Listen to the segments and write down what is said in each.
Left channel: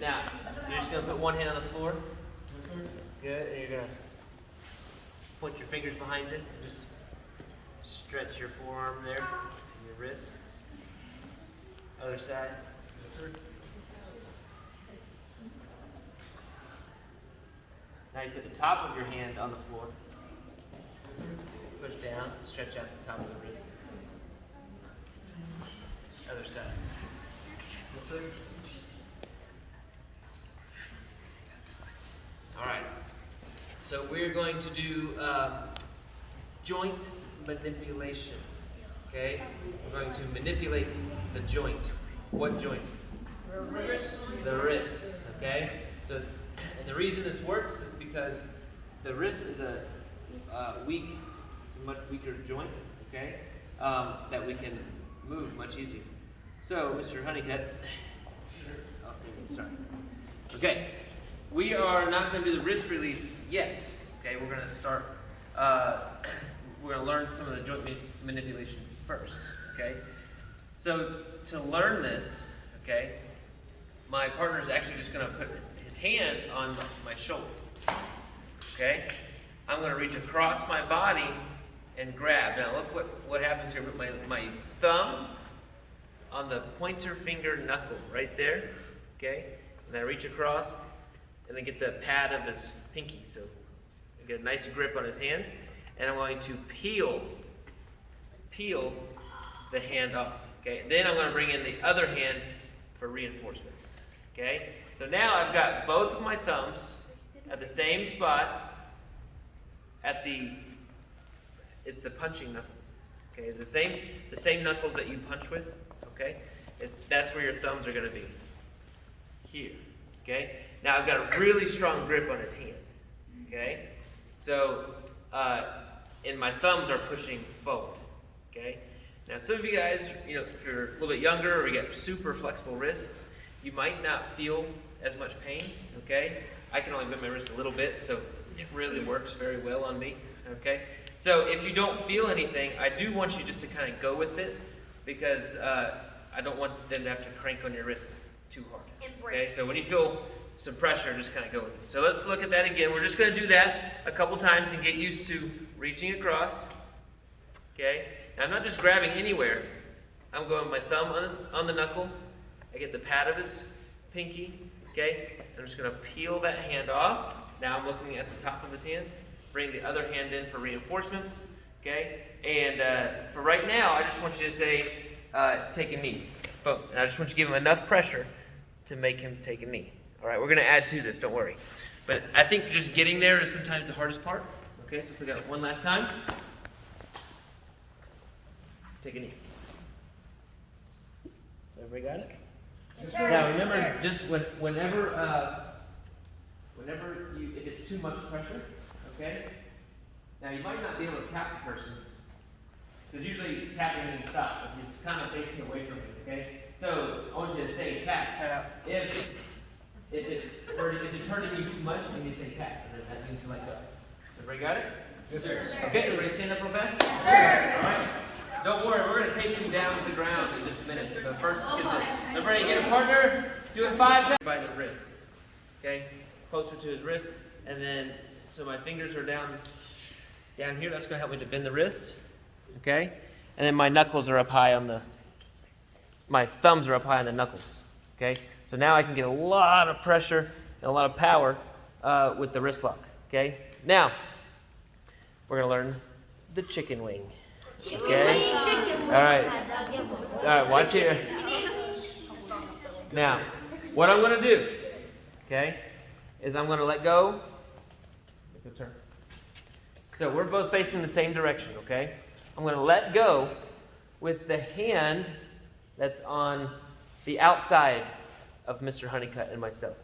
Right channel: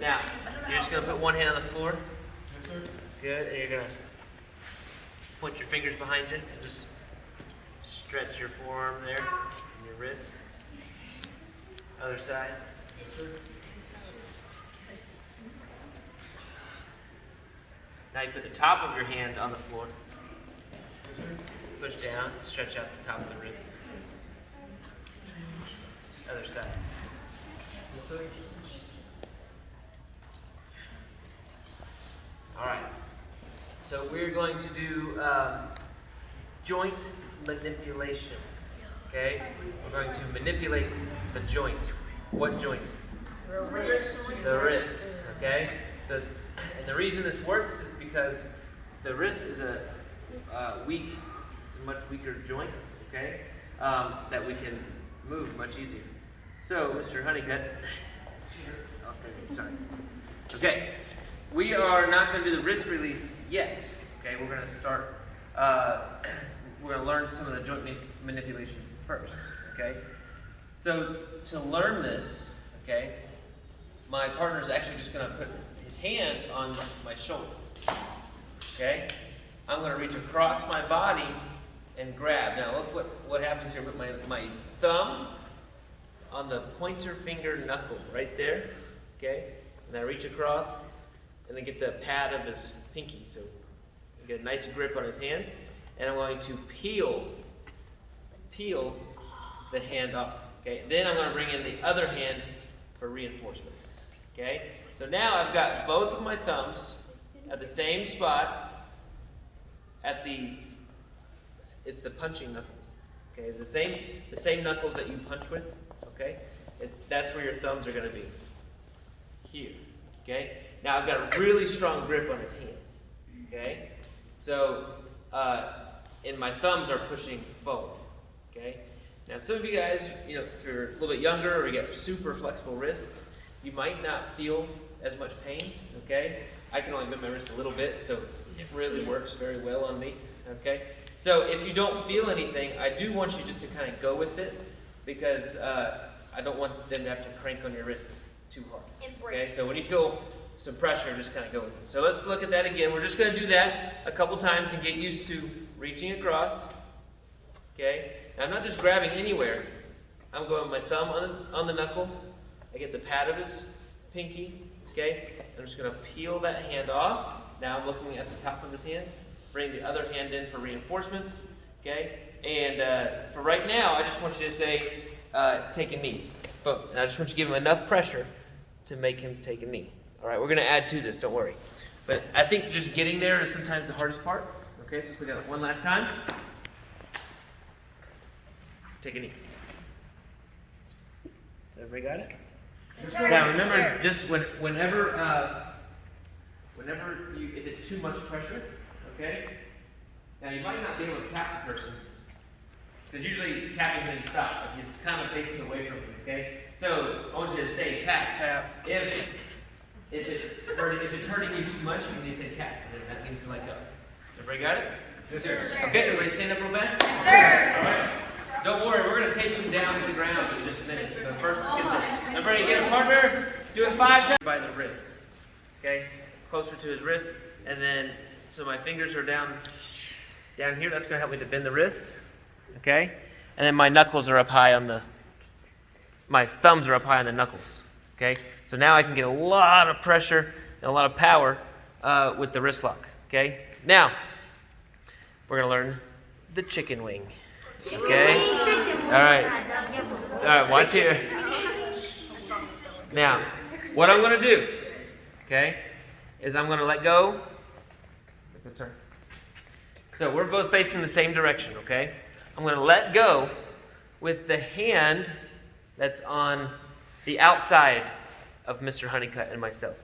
Now, you're just going to put one hand on the floor. Good. And you're going to point your fingers behind you and just stretch your forearm there and your wrist. Other side. Now you put the top of your hand on the floor. Push down, stretch out the top of the wrist. Other side. All right. So we're going to do joint manipulation. Okay? We're going to manipulate the joint. What joint? The wrist. The wrist. Okay? So, and the reason this works is because the wrist is a much weaker joint. Okay? That we can move much easier. So, Mr. Honeycutt. Oh, thank you. Sorry. Okay. We are not going to do the wrist release yet. Okay, we're going to start. We're going to learn some of the joint manipulation first. Okay, so to learn this, okay, my partner is actually just going to put his hand on my shoulder. Okay, I'm going to reach across my body and grab. Now look what happens here. Put my thumb on the pointer finger knuckle right there. Okay, and I reach across. And then get the pad of his pinky, so get a nice grip on his hand. And I'm going to peel the hand off. Okay. Then I'm going to bring in the other hand for reinforcements. Okay. So now I've got both of my thumbs at the same spot. It's the punching knuckles. Okay. The same knuckles that you punch with. Okay. That's where your thumbs are going to be. Here. Okay. Now I've got a really strong grip on his hand, okay? So, and my thumbs are pushing forward, okay? Now some of you guys, if you're a little bit younger or you got super flexible wrists, you might not feel as much pain, okay? I can only bend my wrist a little bit, so it really works very well on me, okay? So if you don't feel anything, I do want you just to kind of go with it because I don't want them to have to crank on your wrist too hard, okay? So when you feel some pressure, just kind of go with it. So let's look at that again. We're just going to do that a couple times and get used to reaching across. Okay? Now I'm not just grabbing anywhere. I'm going with my thumb on the knuckle. I get the pad of his pinky. Okay? I'm just going to peel that hand off. Now I'm looking at the top of his hand. Bring the other hand in for reinforcements. Okay? And for right now, I just want you to say, take a knee. Boom. And I just want you to give him enough pressure to make him take a knee. All right, we're going to add to this, don't worry. But I think just getting there is sometimes the hardest part. Okay, so let's look at it one last time. Take a knee. Everybody got it? Yes, sir. Now remember, just whenever if it's too much pressure, okay? Now you might not be able to tap the person, because usually tapping means stop, but he's kind of facing away from you, okay? So I want you to say tap. Tap. If it's hurting you too much, you need to say tap, and then that means to let go. Everybody got it? Yes, sir. Okay, everybody stand up real fast? Yes, sir. All right. Don't worry, we're going to take him down to the ground in just a minute. But first, let's get this. Everybody get a partner. Do it 5 times. By the wrist. Okay? Closer to his wrist. And then, so my fingers are down here. That's going to help me to bend the wrist. Okay? And then my knuckles are up high on my thumbs are up high on the knuckles. Okay? So now I can get a lot of pressure and a lot of power with the wrist lock. Okay? Now, we're going to learn the chicken wing. Okay? All right, watch here. Now, what I'm going to do, okay, is I'm going to let go. Make a turn. So we're both facing the same direction, okay? I'm going to let go with the hand that's on the outside of Mr. Honeycutt and myself.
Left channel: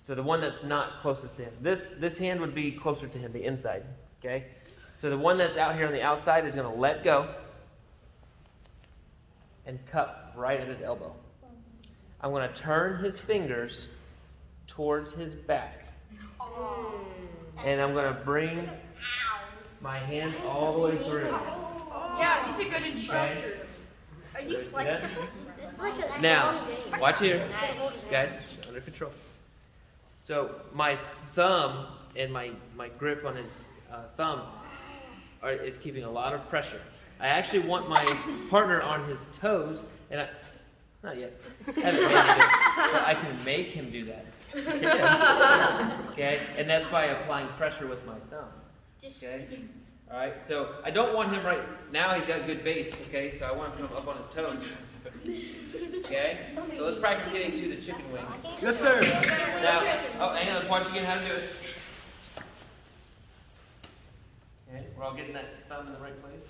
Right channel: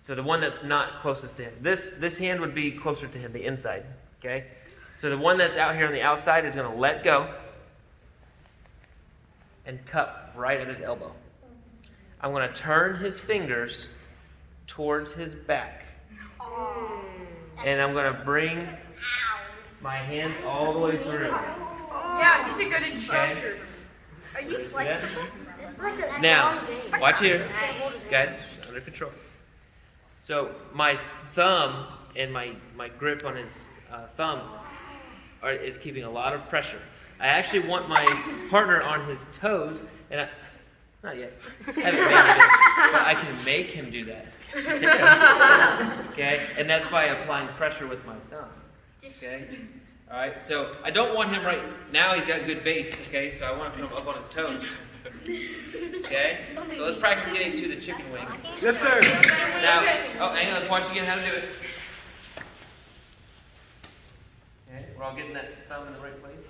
So the one that's not closest to him. This hand would be closer to him, the inside, okay? So the one that's out here on the outside is going to let go and cup right at his elbow. I'm going to turn his fingers towards his back. And I'm going to bring my hand all the way through. Yeah, he's a good instructor. Okay. Are you flexible? This Now, watch here. Guys, under control. So my thumb and my grip on his thumb is keeping a lot of pressure. I actually want my partner on his toes, and not yet. I haven't made him do it, but I can make him do that. Okay? And that's by applying pressure with my thumb. Okay? All right? So I don't want him right now. He's got good base. Okay? So I want to put him up on his toes. Okay? So let's practice getting to the chicken wing. Yes, sir. Now, oh, hang on. Let's watch again how to do it. Okay? We're all getting that thumb in the right place.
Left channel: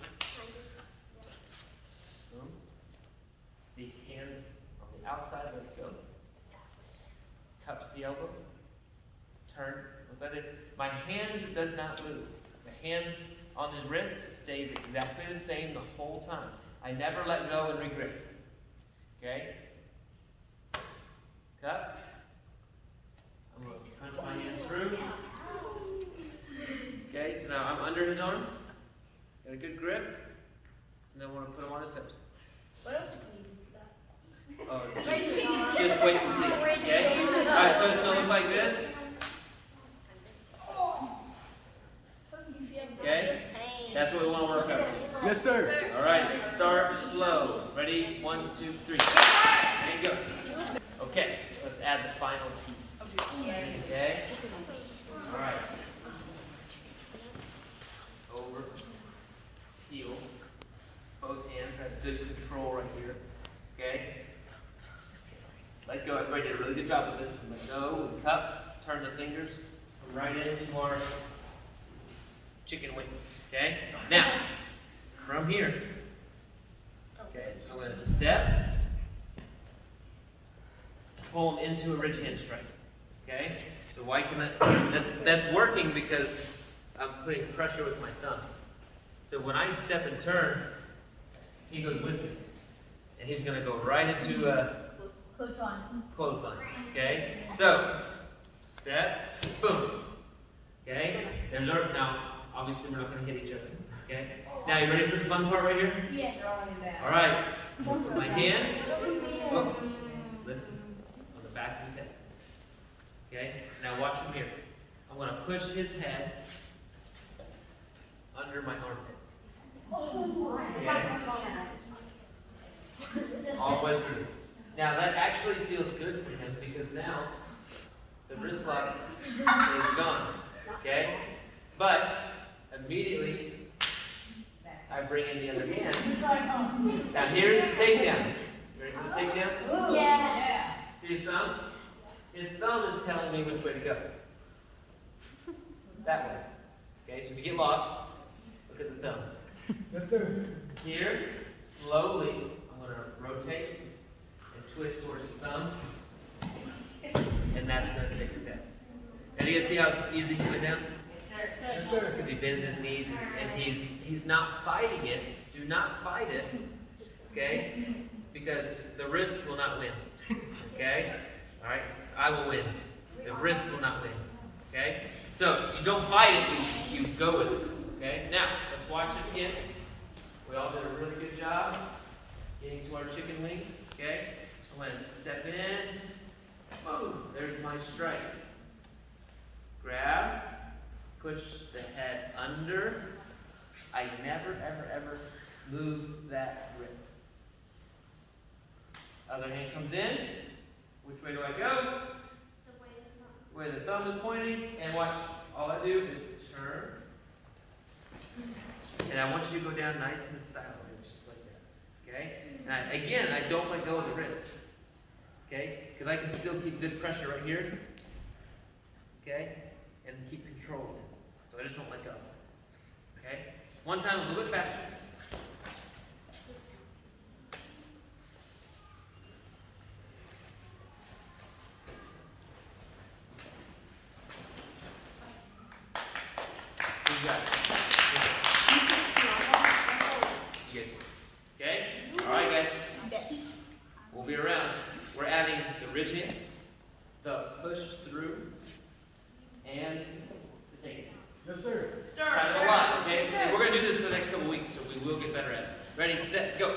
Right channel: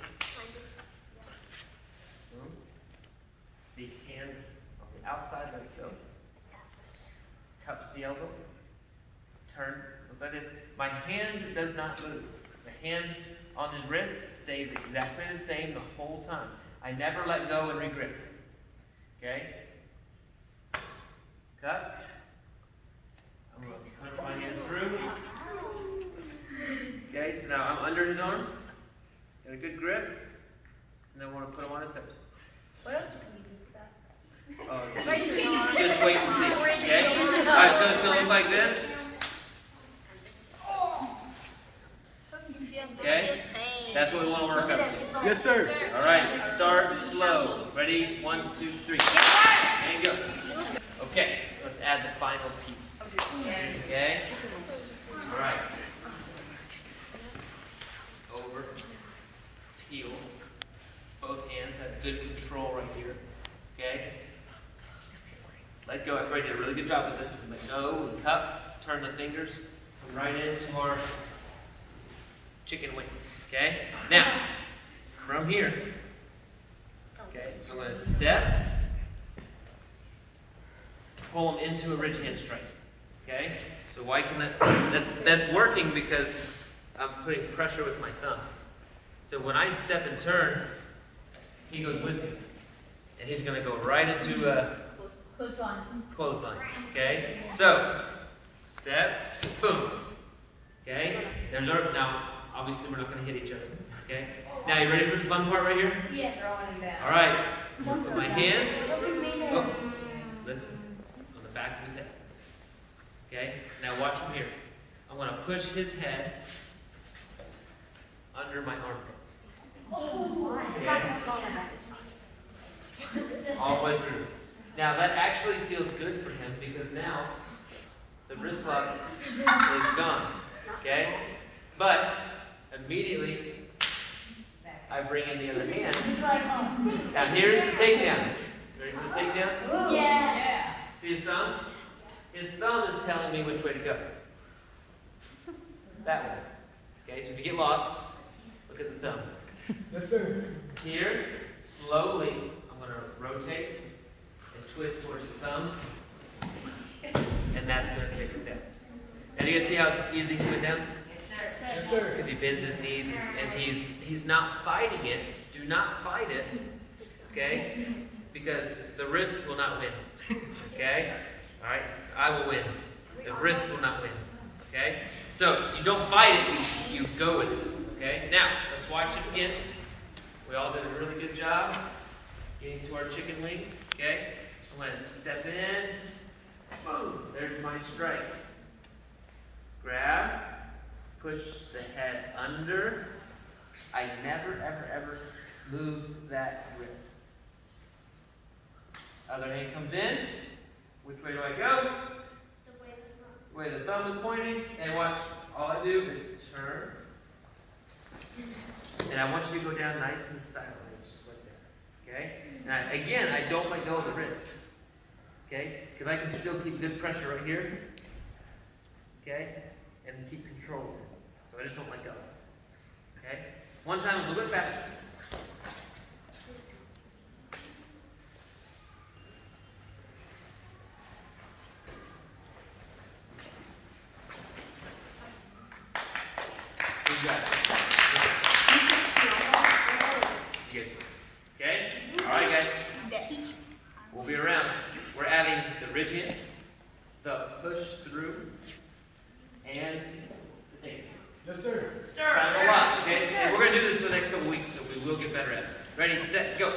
Boom. The hand on the outside. Let's go. Cups the elbow. Turn. Let it. My hand does not move. The hand on his wrist stays exactly the same the whole time. I never let go and regrip. Okay? Cup. I'm going to punch my hand through. Okay, so now I'm under his arm. Got a good grip. And then I want to put him on his toes. What else can you do for that? Oh, just wait and see. Okay? Alright, so it's going to look like this. Okay? That's what we want to work up to. Yes, sir. Alright, start slow. Ready? 1, 2, 3. There you go. Okay, let's add the final piece. Okay? Alright. Over. Peel. Both hands have good control right here. Okay? Let go. Everybody did a really good job with this. Let go. Cup. Turn the fingers. Come right into our chicken wing. Okay? Now, from here. Okay, so I'm going to step. Pull him into a ridge hand strike. Okay? So why can that's working because I'm putting pressure with my thumb. So when I step and turn, he goes with me. And he's going to go right into a clothesline. Okay? So, step, boom. Okay? There's our, now, obviously we're not going to hit each other. Okay? Now, you ready for the fun part right here? Yeah. Throwing him down. All right. Put my hand, oh, listen, on the back of his head. Okay? Now watch from here. I'm going to push his head under my armpit. Okay? All the way through. Now that actually feels good for him because now the wrist lock is gone. Okay? But immediately I bring in the other hand. Now here's the takedown. You ready for the takedown? Yeah. See his thumb? His thumb is telling me which way to go. That way. Okay, so if you get lost, look at the thumb. Yes, sir. Here, slowly, I'm going to rotate and twist towards his thumb. And that's going to take him down. Now do you guys see how easy he went down? Yes, sir. Because he bends his knees and he's not fighting it. Do not fight it. Okay? Because the wrist will not win. Okay? Alright? I will win. The wrist will not win. Okay? So you don't fight it, you go with it. Okay? Now, let's watch it again. We all did a really good job getting to our chicken wing. Okay? I'm going to step in. Boom. There's my strike. Grab. Push the head under. I never, ever, ever moved that grip. Other hand comes in. Which way do I go? The way the thumb is pointing. And watch. All I do is turn. And I want you to go down nice and silently, just like that. Okay? And again, I don't let go of the wrist. Okay? Because I can still keep good pressure right here. Okay? And keep control of it. So I just don't let go. Okay? One time, a little bit faster. You got it. You guys. Okay? Alright, guys. We'll be around. We're adding the ridge hand, the push through, and the take. Yes, sir. Kind of a lot, okay? And we're going to do this for the next couple weeks, so we will get better at it. Ready, set, go.